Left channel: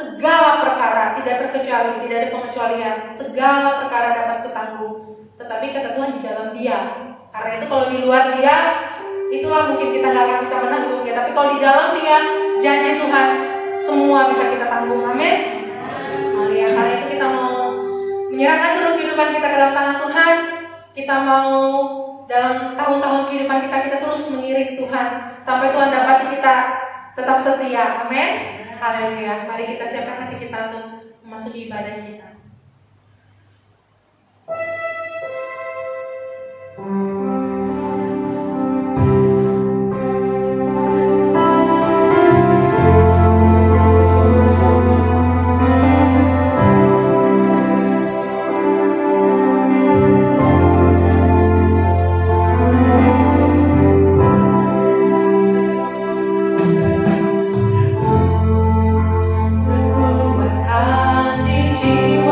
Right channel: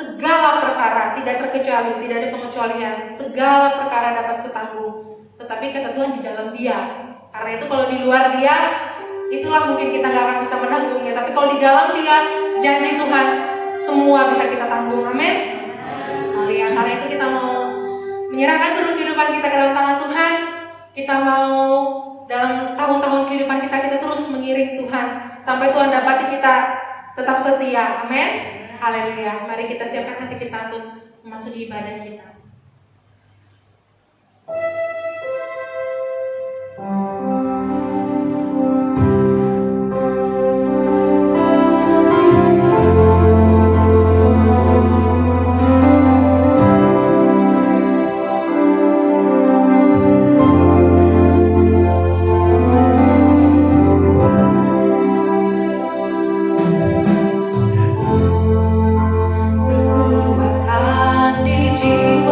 segala perkara, tidak terkecuali, tidak ada pengecualian, segala perkara dapat kutanggung. Tetapi kata Tuhan di dalam Dia. Karena itu kalau di luar Dia, itulah mungkin kita gak akan bisa menanggungnya. Tapi kalau di dalam Dia, janji Tuhan semua bisa kita tanggung. Amin. Karena itu kita mau menyerahkan seluruh kehidupan kita ke dalam tangan Tuhan. Kita mau dalam tahun-tahun kehidupan kita terus mengiring Tuhan sampai Tuhan dapati kita tetap setia. Amin. Haleluya. Mari kita siapkan hati kita untuk memasuki ibadah kita. Kekuatan di jiwa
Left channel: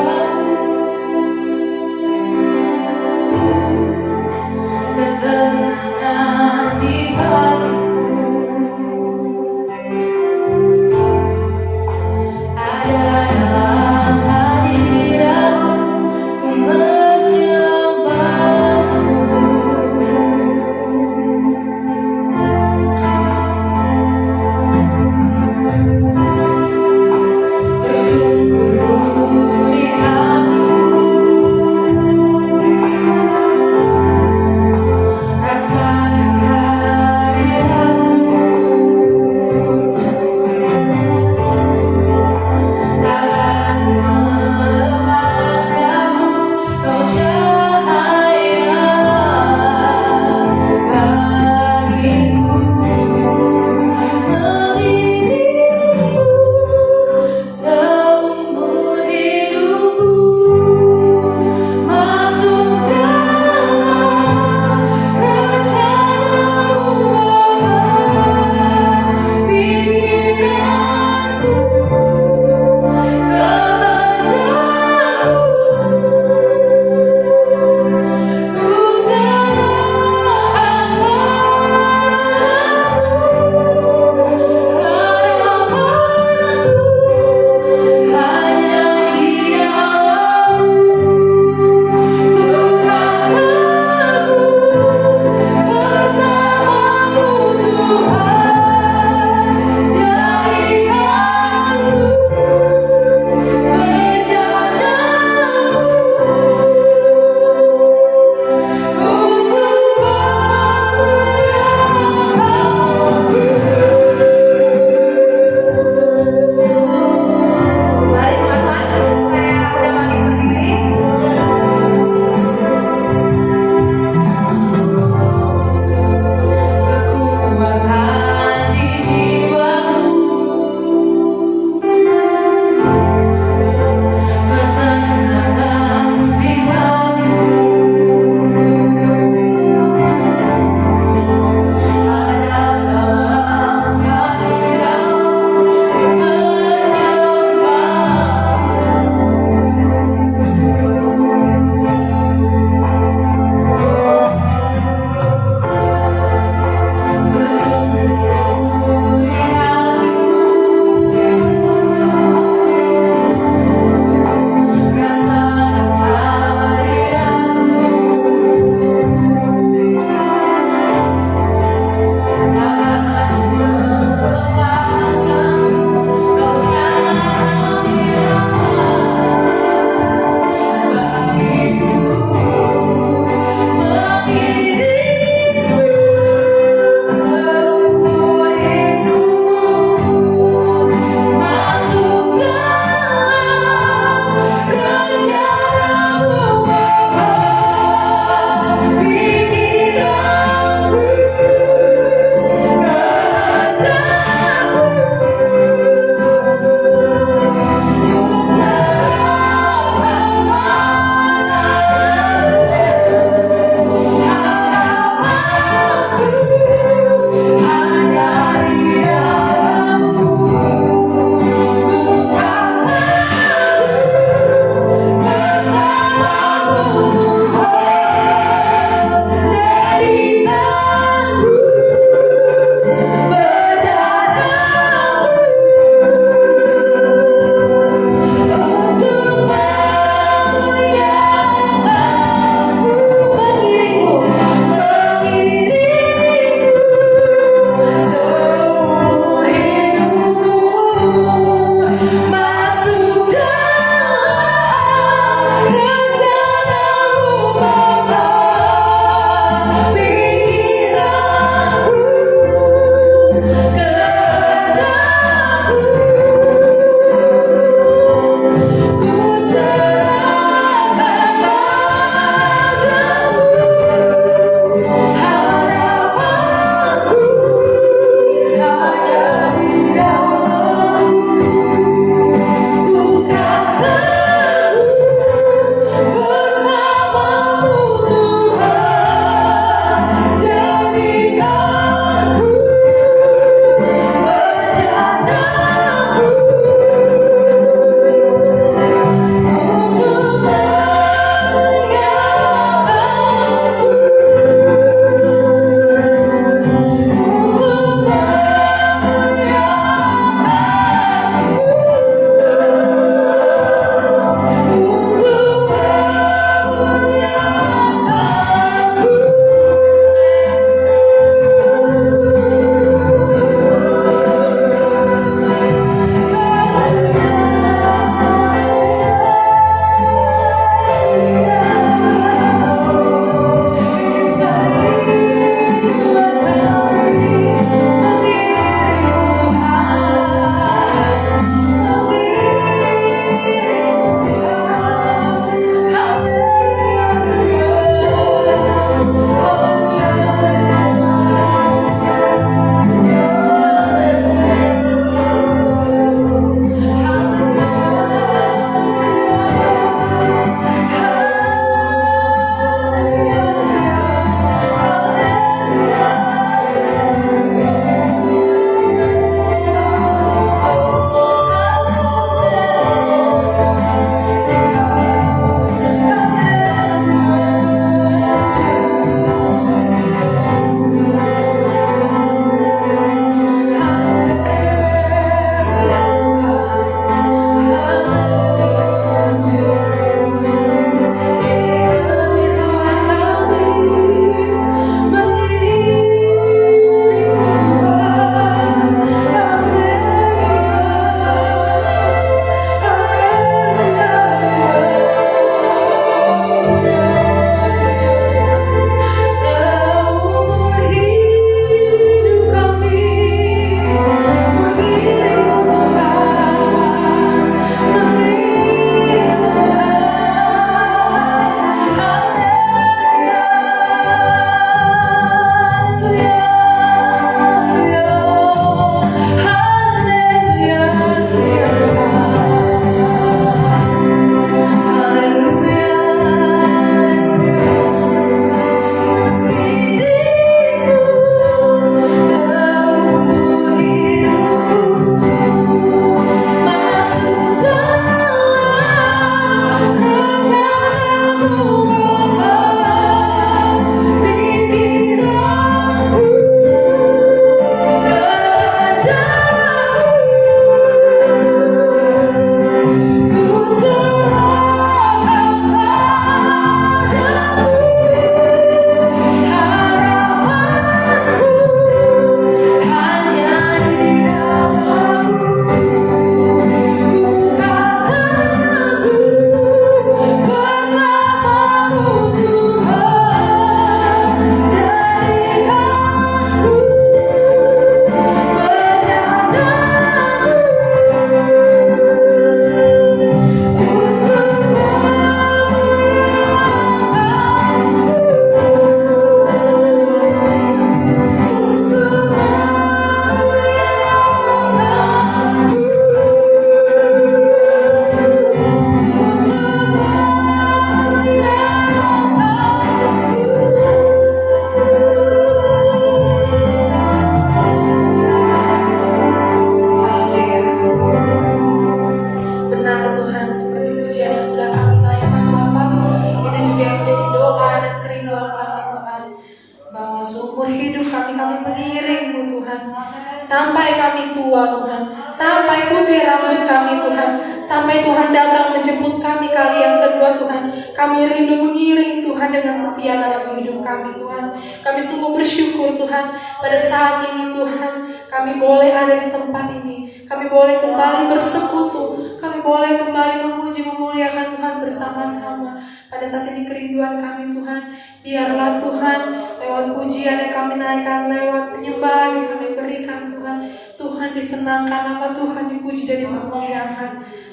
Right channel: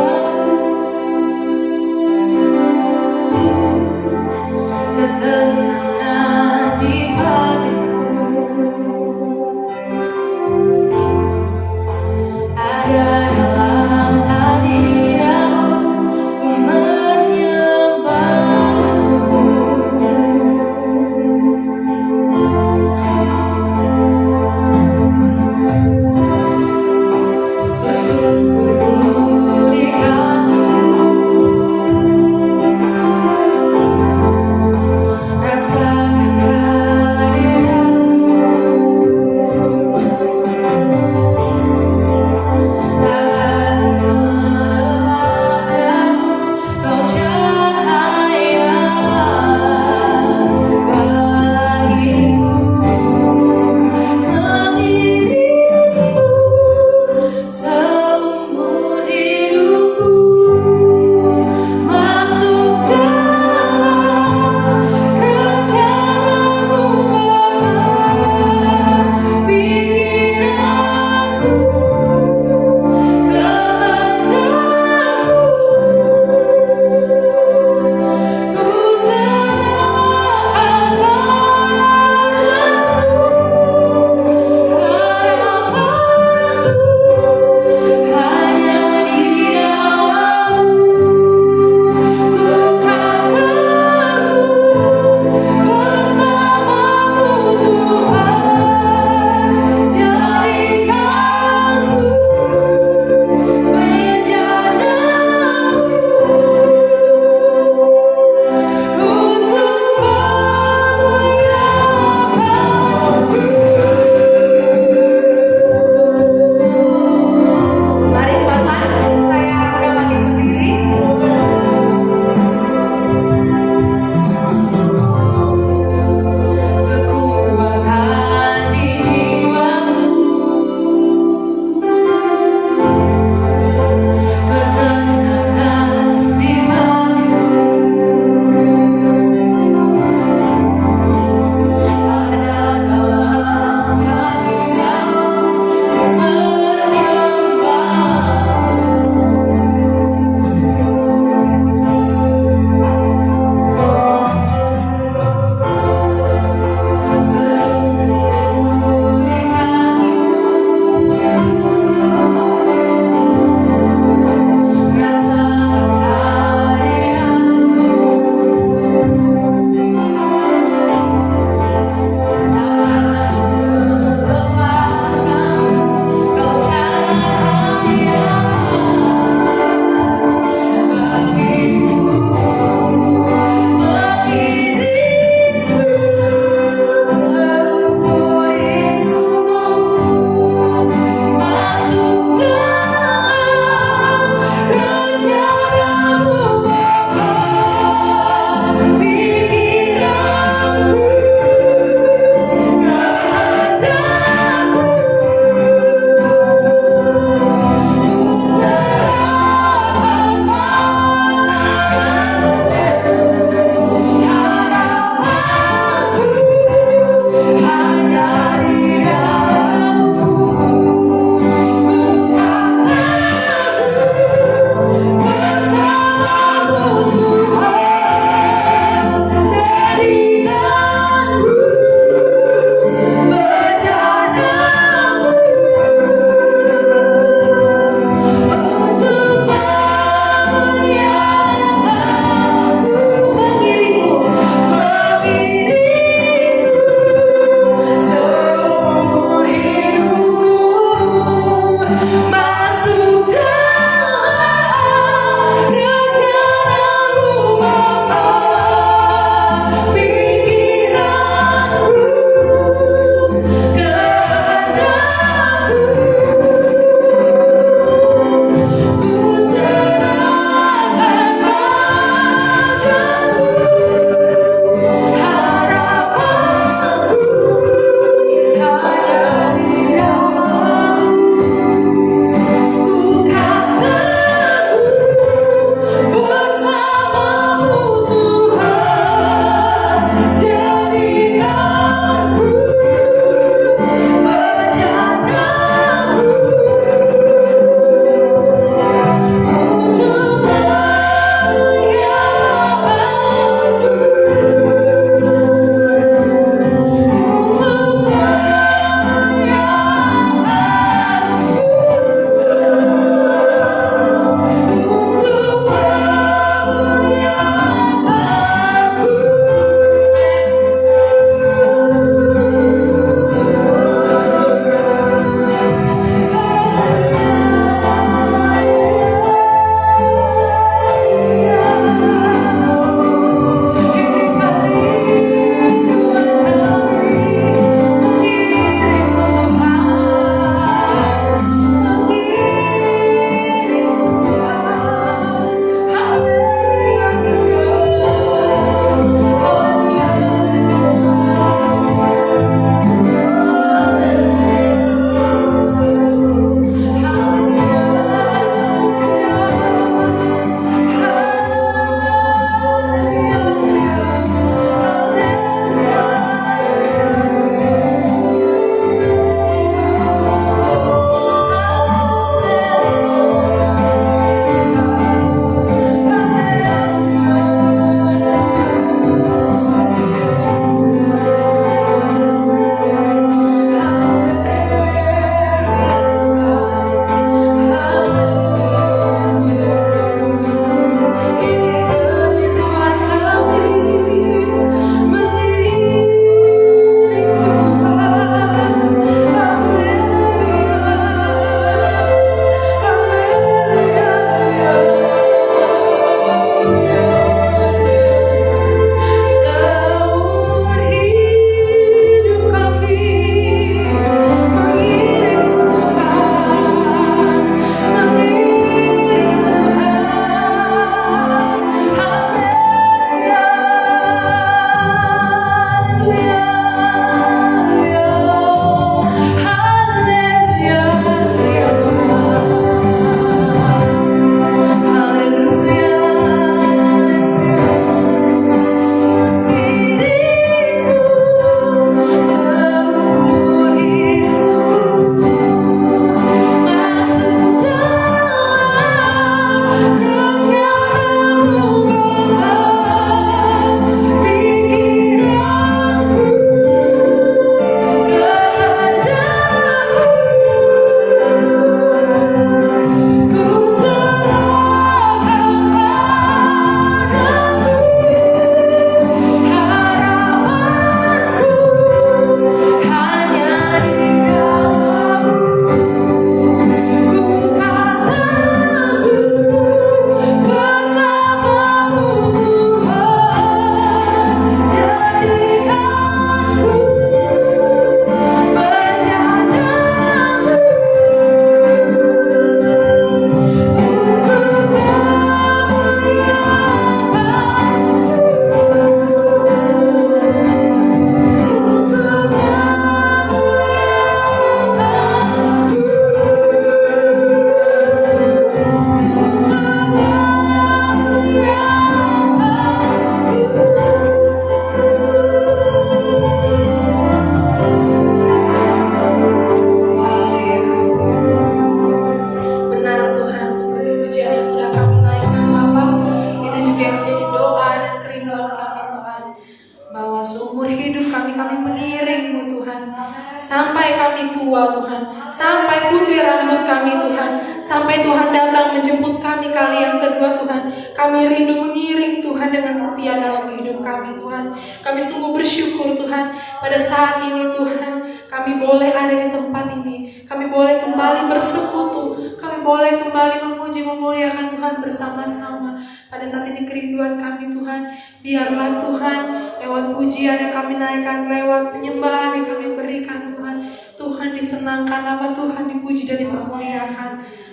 bahwa seumur hidup kami mengiring-Mu Tuhan, sampai kami tua Tuhan, sampai putih rambut kami Tuhan, sampai Tuhan datang menjemput kami kali yang kedua Tuhan. Kami rindu mengiring Tuhan dengan setia dalam hidup kami Tuhan. Kami sungguh bersyukur Tuhan pada saat ini Tuhan, kami boleh ada di tempat ini, kami boleh kembali bersekutu, kami boleh kembali memuji memuliakan Tuhan bersama-sama. Pada saat ini kerinduan kami Tuhan, biarlah Tuhan lewat pujian yang kami naikkan, lewat penyembahan yang kami berikan Tuhan, Tuhan disenangkan, nama Tuhan dipuji dan dipermuliakan.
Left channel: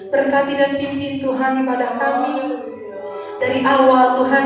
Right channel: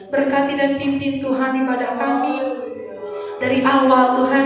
Berkati dan pimpin Tuhan ibadah kami dari awal Tuhan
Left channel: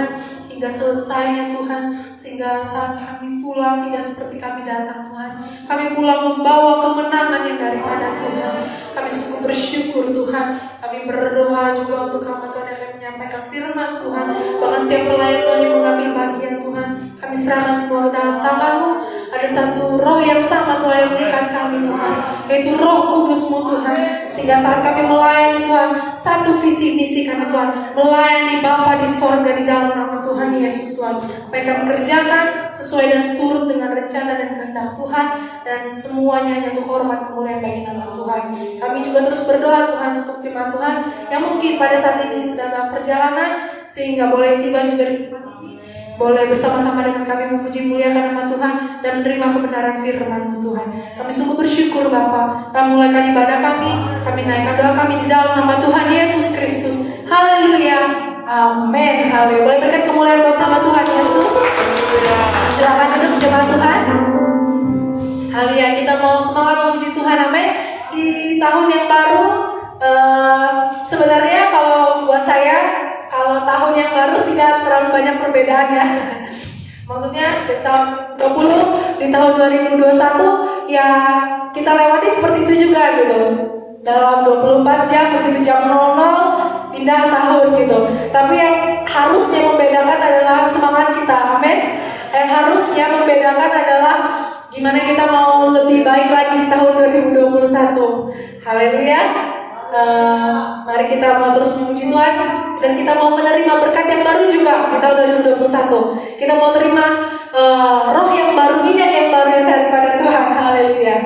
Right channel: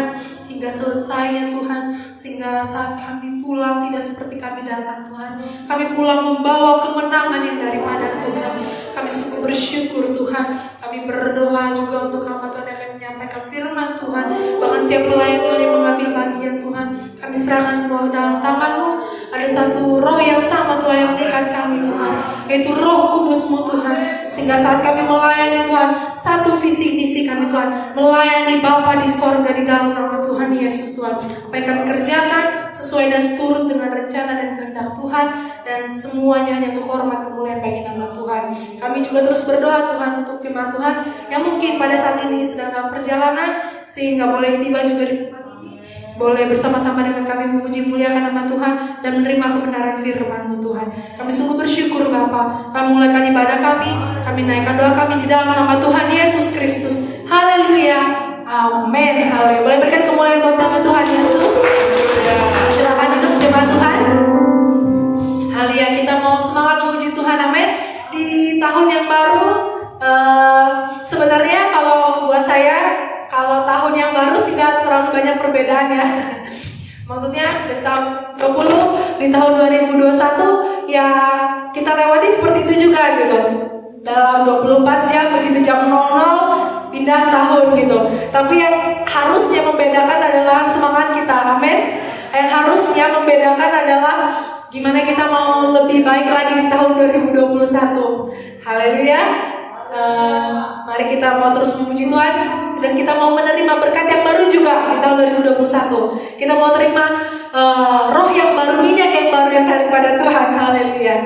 hingga selesainya Tuhan, sehingga saat kami pulang tidak seperti kami datang Tuhan. Kami pulang membawa kemenangan yang daripada Tuhan. Kami sungguh bersyukur Tuhan. Kami berdoa juga untuk hamba Tuhan yang akan menyampaikan firman Tuhan. Bahkan setiap pelayan Tuhan yang mengambil bagian Tuhan, kami serahkan semua dalam tangan-Mu. Ada satu roh yang sama Tuhan yang mengikat kami Tuhan, yaitu Roh Kudus-Mu Tuhan. Sehingga saat kami melayani Tuhan, satu visi misi kami Tuhan, melayani Bapa di sorga di dalam nama Tuhan Yesus Tuhan. Apa yang kami kerjakan sesuai dan seturut dengan rencana dan kehendak Tuhan, dan semuanya hanya untuk hormat kemuliaan bagi nama Tuhan. Kami juga terus berdoa Tuhan untuk jemaat Tuhan yang mungkin pada saat ini sedang dalam perjalanan, sehingga boleh tiba juga di tempat ini, boleh bersama-sama dengan kami memuji muliakan nama Tuhan dan menerima kebenaran firman-Mu Tuhan. Kami sungguh bersyukur Bapa. Kami mulaikan ibadah kami naikkan doa kami di dalam nama Tuhan Yesus Kristus. Haleluya, amin. Haleluya. Boleh berikan kemuliaan buat nama Tuhan Yesus. Silakan duduk jemaat Tuhan. Haleluya, kita mau semangat memuji Tuhan, amin. Di tahun yang baru, sebenarnya kalau buat saya, kalau tahun yang baru tidak terlalu banyak perbedaan ya. Maksudnya di tahun 20, di tahun 2021 ya kita lewati seperti itu juga gitu. Dalam 24 jam begitu jam 00 pindah tahun gitu. Tapi yang harusnya membedakan adalah semangat kita, amin. Yang harusnya membedakan adalah gimana kita mau lebih baik lagi di tahun 2021. Haleluya. Mari kita mau terus memuji Tuhan, dan kita mau menerima berkat yang baru juga di tahun 2021. Kita mau terima roh yang baru, minyak yang baru yang daripada Tuhan. Haleluya.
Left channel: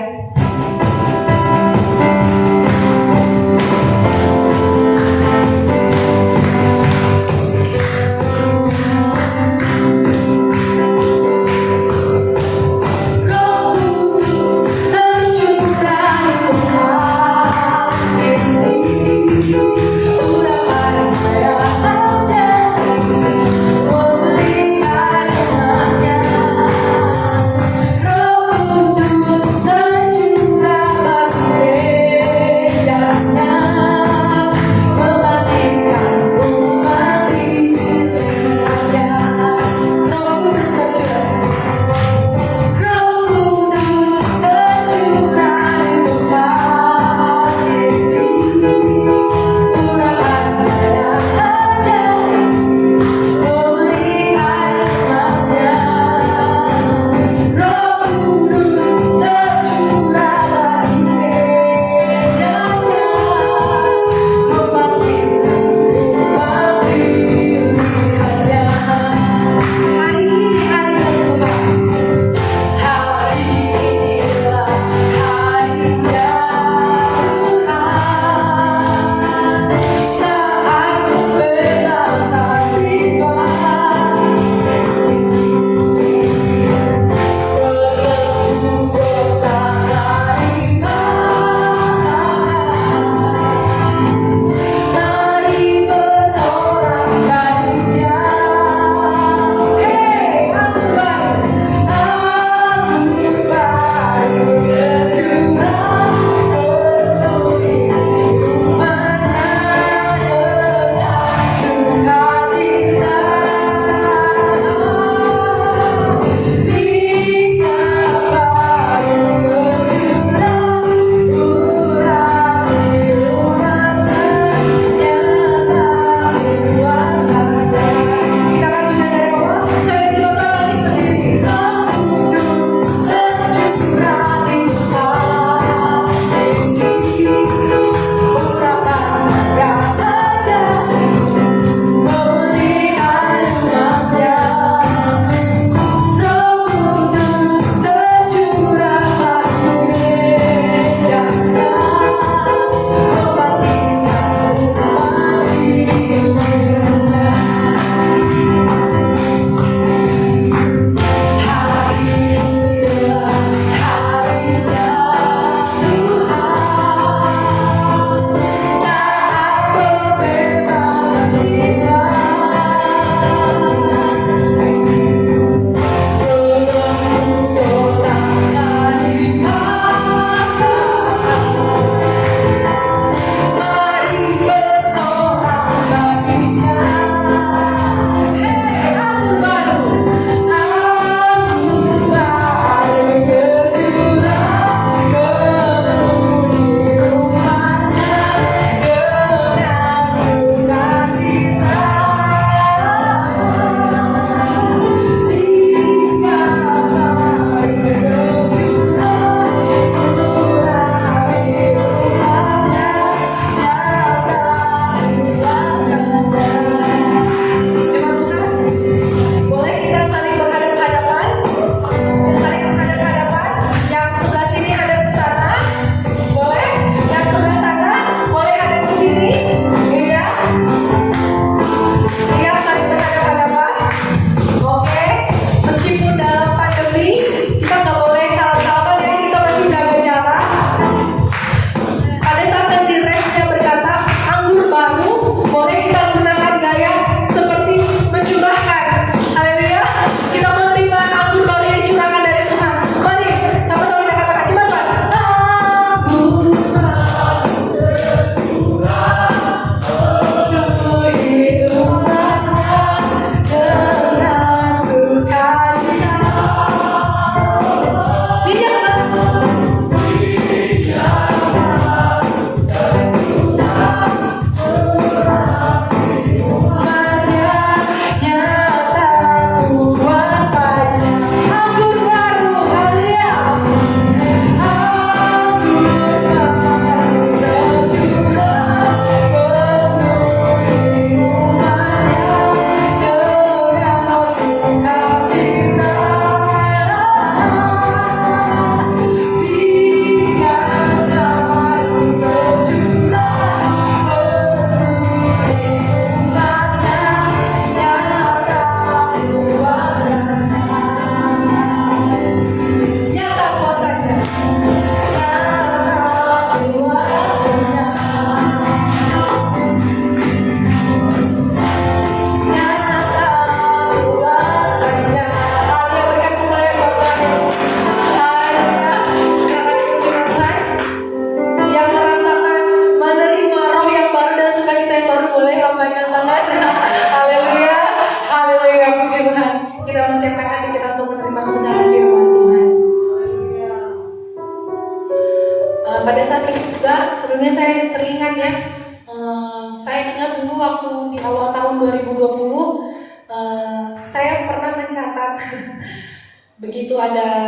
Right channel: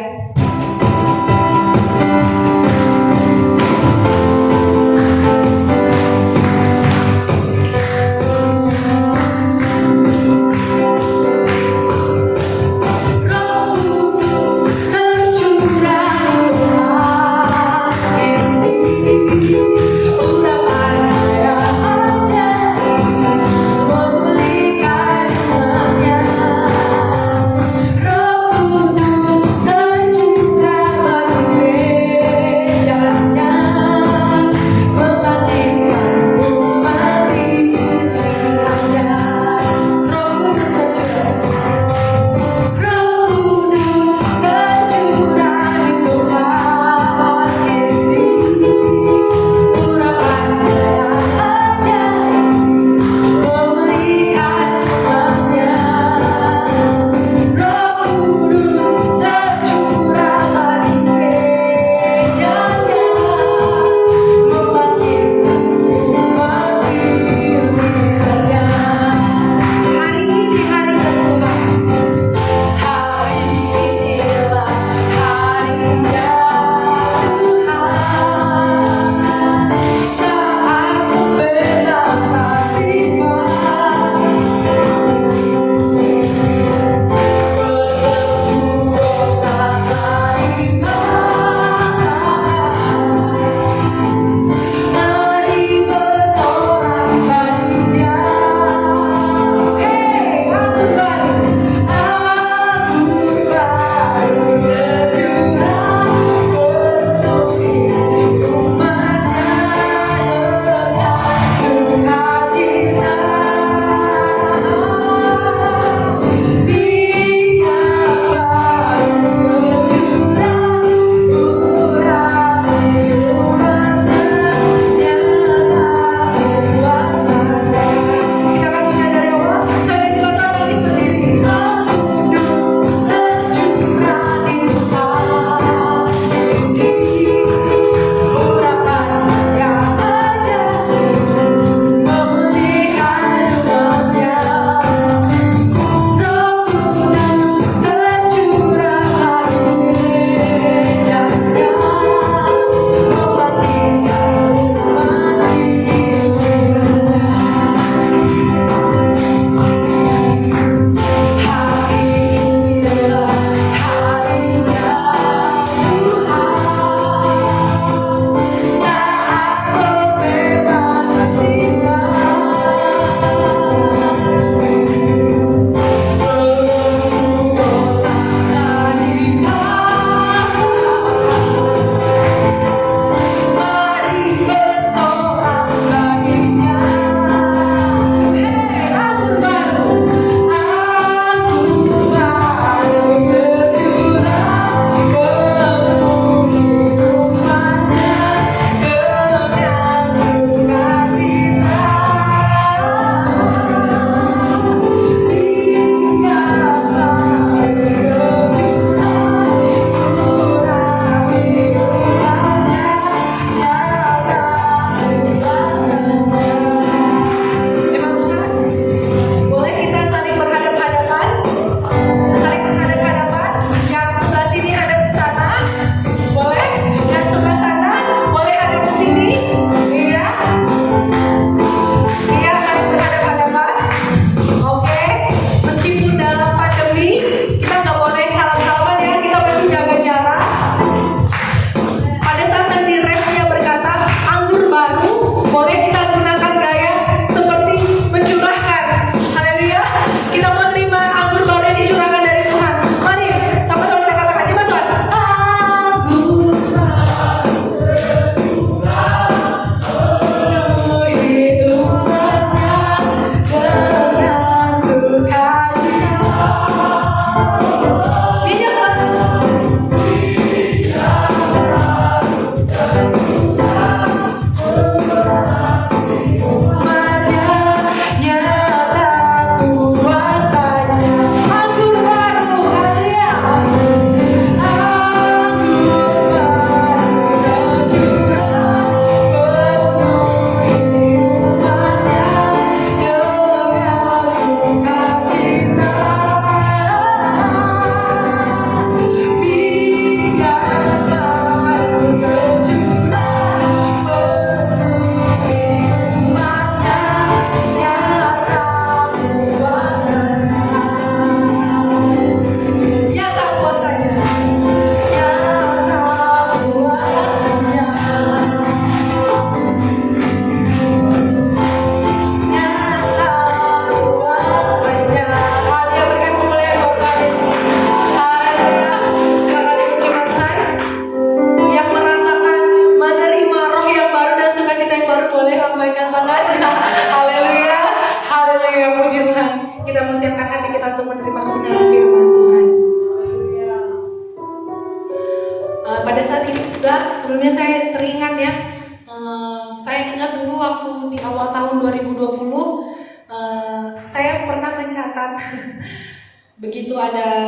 ada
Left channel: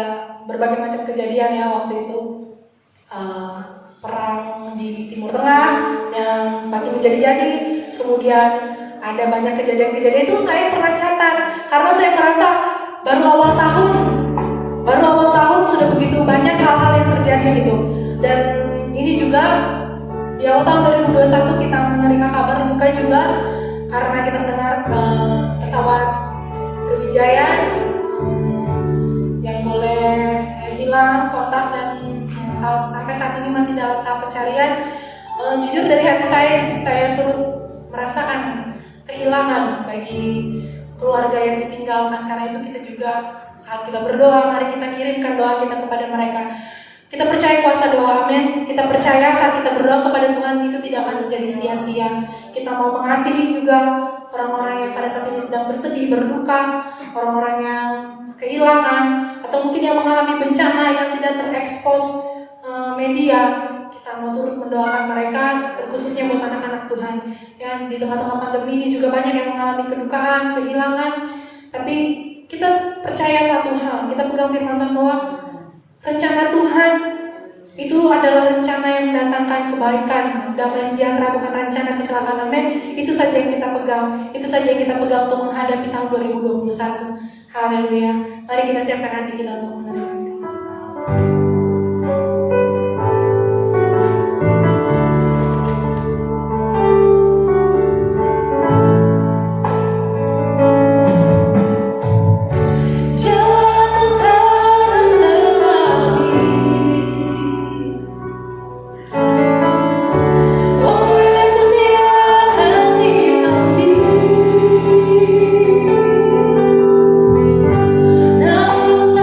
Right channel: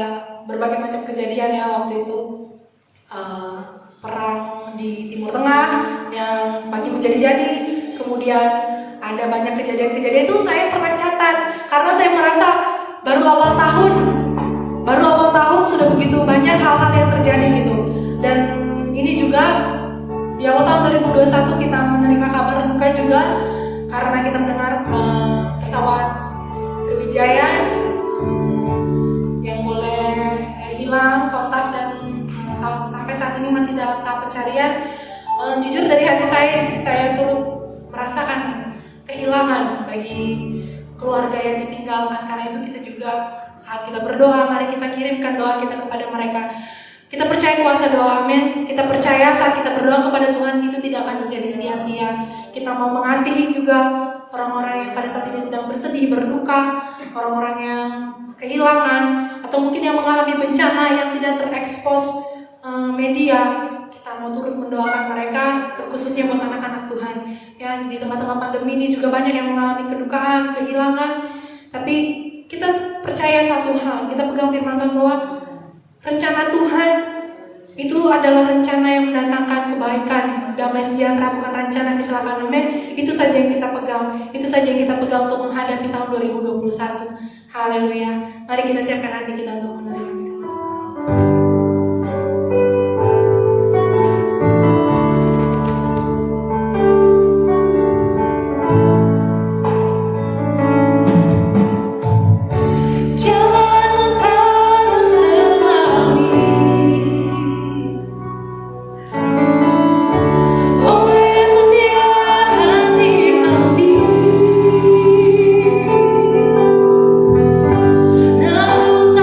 berbagai macam kejadian ya waktu itu. Perang di Timur Tengah yang makin menjadi-jadi, kemudian ada banyak kejadian-kejadian itu saya pernah catat karena saya merasa baru awal tahun sudah begitu banyak hal-hal yang terjadi gitu. Dan ini juga di awal tahun 2021 kita menerima kabar duka juga karena kita mendengar pesawat Sriwijaya yang boleh hilang kontak dan sampai saat ini masih dalam tahap pencarian. Jujur dari hati saya turut merasakan kehilangan bagi keluarga yang ditinggalkan. Karena itu kita juga saat kita berdoa, mari kita kirimkan doa kita kepada mereka. Kita percaya kuasa doa, amin. Kita percaya saat kita berdoa kepada Tuhan itu tidak akan menjadi sia-sia. Kita mau mengasihi juga orang-orang yang pada saat ini sedang bersedih, berduka, orang-orang yang kehilangan, atau mungkin yang mengalami bencana yang tidak terekspos media. Kita mau turut mendoakan mereka, terkhususnya buat anak-anak Tuhan yang di tempat-tempat pandemi ini juga banyak yang mengalami kedukaan, kehilangan. Tapi kita percaya satu hal, kita pegang firman Tuhan bahwa rencana Tuhan itu adalah rencana yang mendatangkan kebaikan, damai sejahtera, bukan rencana kecelakaan, amin. Itu saja yang kita pegang, itu saja yang kita pegang untuk menghadapi tahun 2021. Haleluya. Mari kita siapkan hati kita untuk menerima firman Tuhan. Namun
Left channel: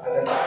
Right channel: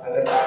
ada